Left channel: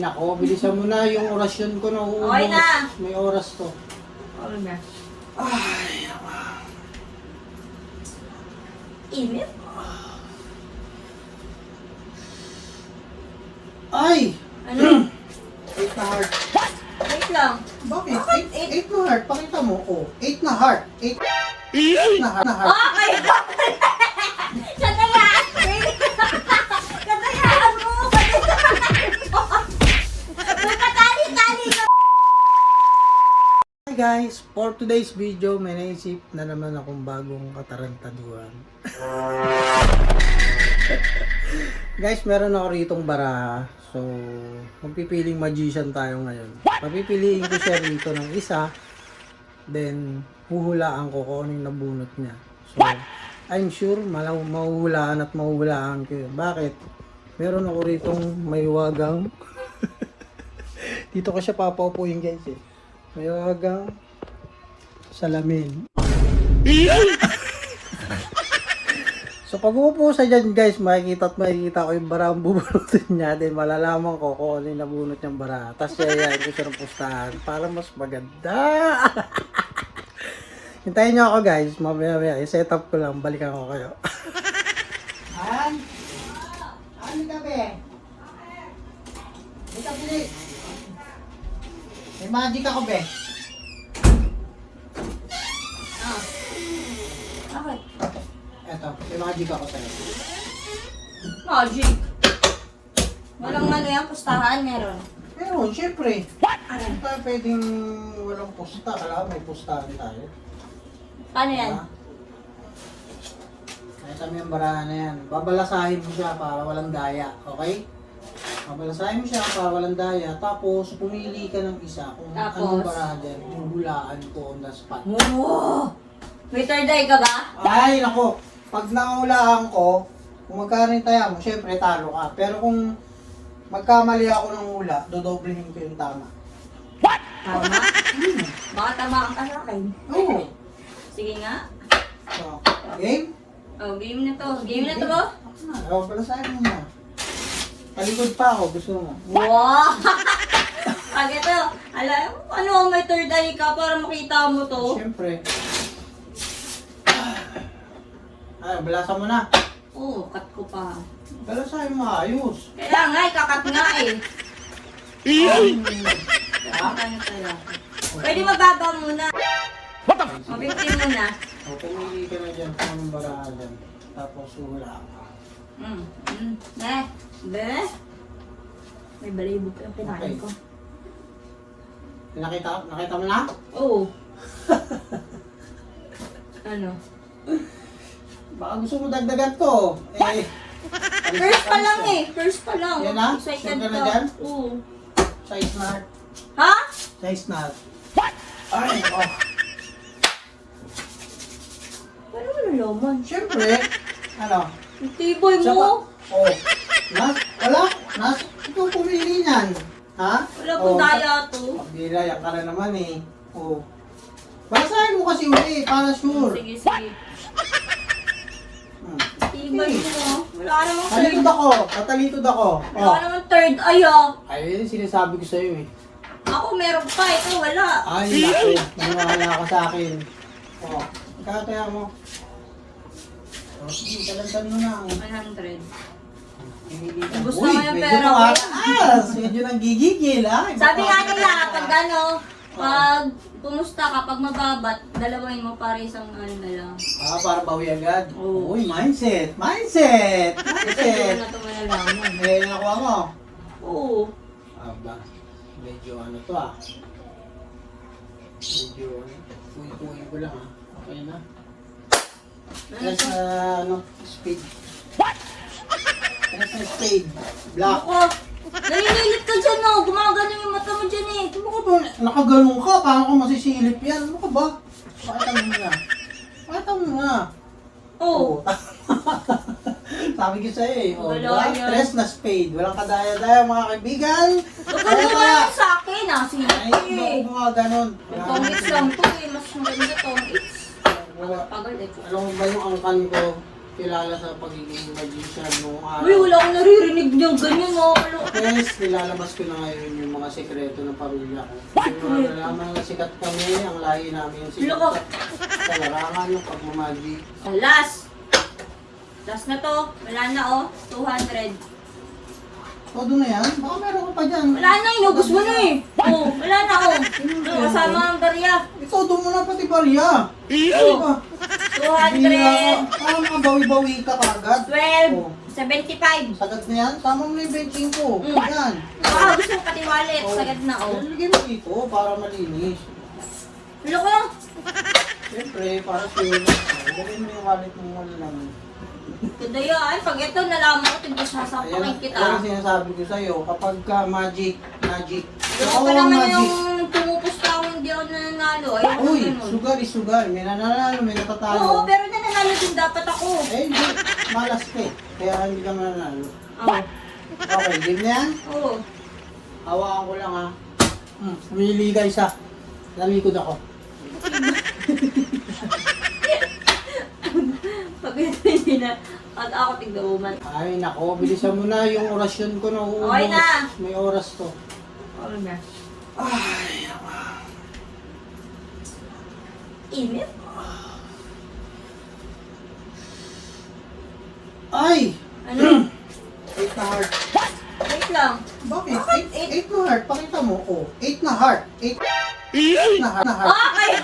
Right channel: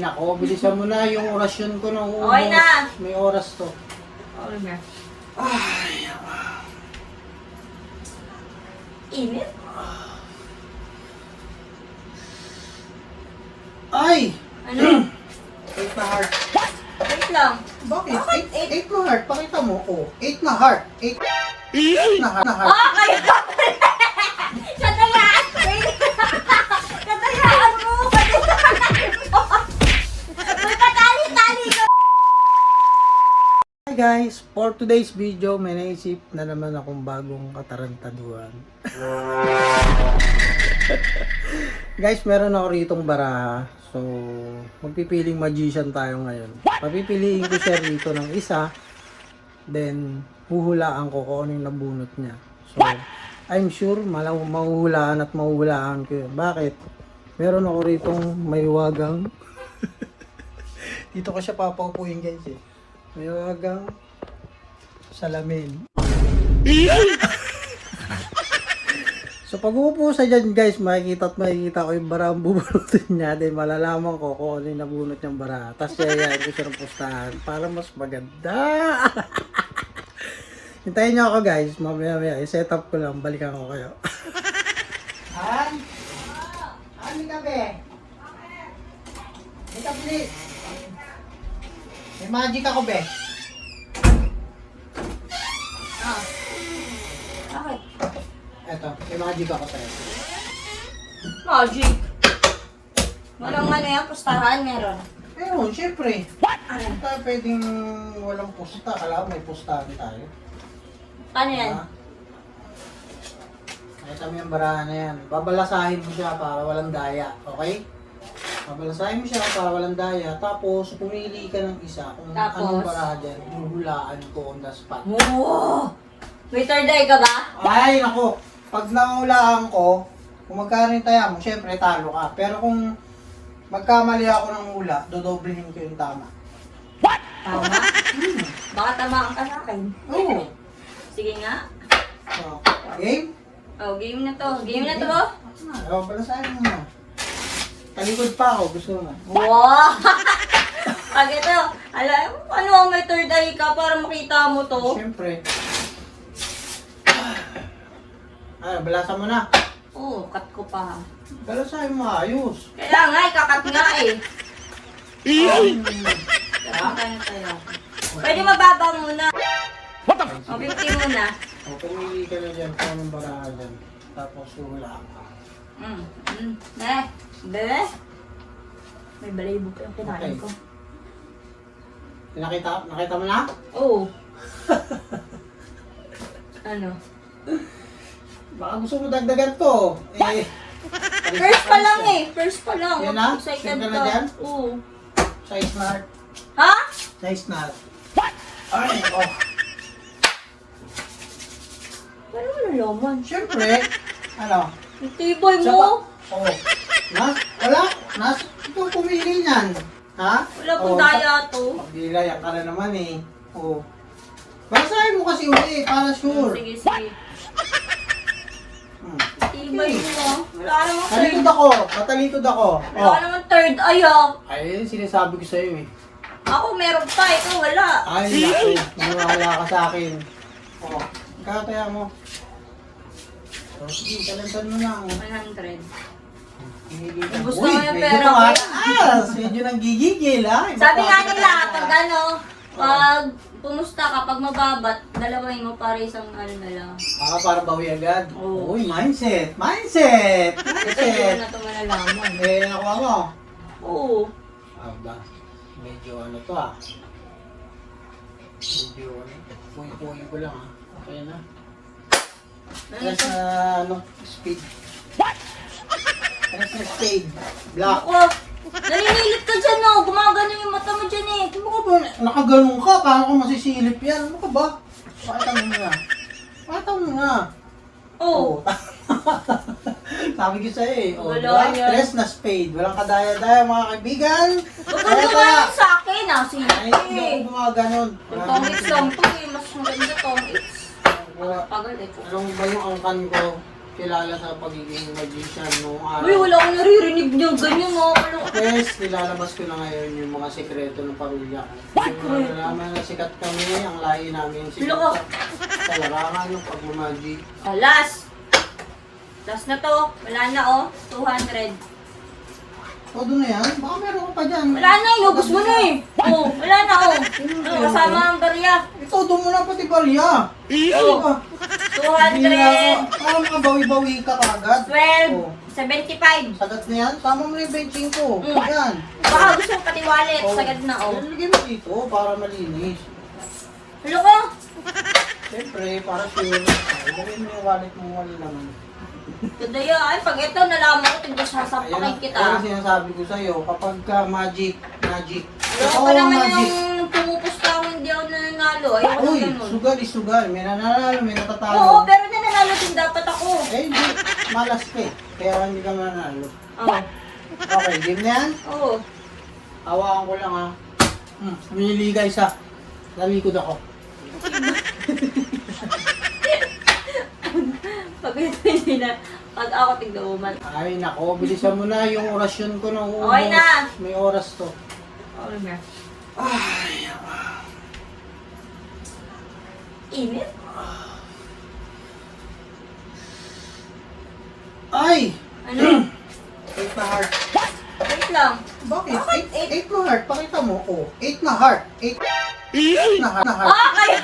nako, bilisan mo na yung orasyon ko na uubos. Okay na. May oras to. Ano na? Ay, Init? ay! Ano? 8 na heart. Wait lang. Bakit? 8 na heart. Pakita mo. Oh, 8 na heart. 8 na heart. Ah, kayo ka! Katalaan! Katalaan mo! Nagkatali-tali ka! Hi guys! For today's video, may naisip na naman akong bagong katarantaduhan. Guys, meron ako ritong baraha. So, magpipiling magician tayo ngayon. Papipiliin ko siya dito ng isa. Then, huhulaan ko kung anong nabunot niya. So, I'm sure mahuhulaan at mahuhulaan ko yun. Bakit? Meron ako ritong may wagang. Dito ko siya papaupuin guys eh. May wagang salamin. So pag uupo sa dyan guys, makikita ko yung barang bubunutin niya. Then malalaman ko kung ano yung nabunot niyang bara. Tapos yayain ko siya ng pustahan para mas maganda. Hintayin niyo ako guys, mamaya i-set up ko lang, balikan ko kayo. Han? Ano ka be? Hindi ka bilit. May magic ako be. Bakit? Eto, may magic ako sa'yo. Magic. Walang ano yan, pustahan meron. Ayun, syempre. Hindi tayo pwedeng walang pusta. Alam, may pustahan tayo. Paano yan? Ito yung barahan na yan. Babalasahin mo siya para walang daya. Okay? Babalasahin mo siya para walang daya. Tapos, pumili ka ng isa kung Tapos? anong barahan dyan. Huhulaan ko on the spot. Wow! May third eye ka ba? Ay, naku! Pag nahulaan ko, kung magkano yung taya mo, syempre talo ka. Pero kung magkamali ako ng hula, dodoblehin ko yung tama. Tama. Baka tamaan ka sa akin. Oo. Sige nga. So, okay? Oh, game na to. Game na to, bro. Ewan pala sa'yo mo na. Talikod pa ako, gusto mo. Wow! Pag ito, alam mo, ano, may third eye ka para makita mo to. Siyempre. Ay, balasan mo na. Oo, cut ko pa. Pero sa'yo maayos. Kaya nga, ikakat nga eh. Kaya tayo. Pwede mababa muna. Mabinti muna. O, pumili ka na dyan, kung anong baraka dyan. Tapos hula. Be? May balibog yung kinain ko. Nakita mo na? Oo. Ano? Baka gusto mo dagdagan to. Eh, First pa lang eh. First pa lang. Yan lang? Excited Sure ka na ka. dyan? Oo. size na. Ha? Size na. What? Ay, oh. Ano ka na laman? Siyempre, ano? Ang tibay Siya ba? mo. Oh. Wala. Ikaw pumili niyan. Ha? Wala kong daya to. Magdila, yan ka na naman eh. Oh. Pasahin mo kasi uli, para sure. Sige, sige. Tibay mo. Wala naman Talitod ako. Matalitod ako. Wala naman third eye ah. Ayun, sinasabi ko sa'yo eh. Ako meron pa, ito wala. Ay, naku. Niwala ka sa akin. Oh, kaya mo. Oh, sige, talasan mo na. 100. Gusto Uy, ko yung ito pera ko. medyo nang gigigil ha. Sabi nga nila, pag ano, pag pumusta ka, pag mababat, dalawin mo para isang ano na lang. Para bawi agad. Oo. Uy, mindset. Mindset. Kasi Mindset. na ito malalaman. May nakuha mo. Oo. Aba, medyo ano to ah. Medyo puy-puy ko lang ah. Okay na. Press na ano, speed. What? Press na speed. Black. Oh, naninilit ka dyan oh. Gumagano yung mata mo dyan eh. Ano ka ba? Nakaganong ka. Paano ka masisilip yan? Ano ka ba? Pakita mo nga. Pakita mo nga. Oo. Sabi ko sa'yo eh. Wala yan. Press na spade. Walang kadaya-daya mga kaibigan. Huwag ka naman sa akin ah. Sige. Ay, hindi mga ganun. Comics lang to eh. Mas maganda comics. Pagal eh. Alam mo ba yung angkan ko? kilala sa pagiging magician noong araw. Uy, wala akong naririnig niyang ganyan mo. Ano? Yes, nilalabas ko na ngayon yung mga sekreto ng pamilya ko. Mga sikat kami, ang lahi namin Loko. sa larangan ng pagmamagic. Last. Last na to. Wala na oh. 200. Todo na yan? Baka meron ko pa dyan. Wala na, inubos mo na eh. Oh, wala na oh. Ano, kasama ang barya. Todo mo na pati barya. Oh. 200. Parang mga bawi-bawi ka kagad. 12. Oh. 75. Sagad na yan? Sama mo na yung benching ko. Mm. Yan. Baka gusto mo pati wallet. Sagad na oh. Lagyan mo dito para malinis. Loko. Siyempre, para sure. May wallet mo wala naman. Kadaya ay, pag ito nalaman ko, tignan sa sapakay Kaya kita. sinasabi ko sa'yo, kapag ka magic. Loko pa naman yung pumupos tao, hindi ako nananalo. Ayoko Uy, na ganun. sugar is sugar. May nananalo, may Oo, natatalo. pero nananalo din dapat ako. Eh, hindi. Malas ka eh. Kaya hindi ka mananalo. Oo. Okay, game na yan. Oo. Hawakan ko lang ha. Willy guys ha. Nalikod ako. Pag hindi na, pag ako tignan mo man. Ay nako, bilisan mo na yung orasyon ko na uubos. Okay na. May oras to. Oo na. Init? Ay! Ano? 8 na heart. Wait lang. Bakit? 8 na heart. Pakita mo. Oh, 8 na heart. 8 na heart. Ah, kayo!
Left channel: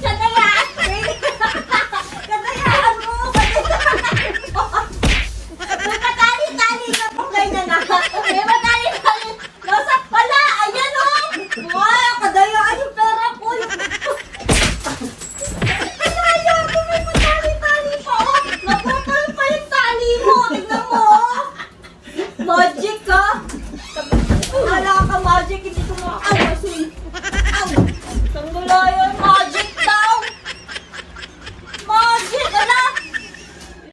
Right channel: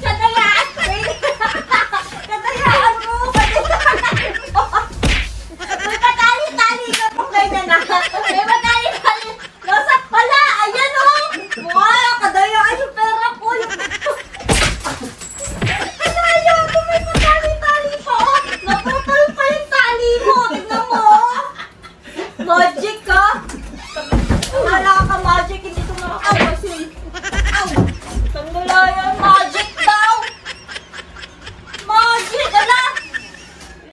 Katalaan! Katalaan mo! May patali-tali ka pa kayo na. May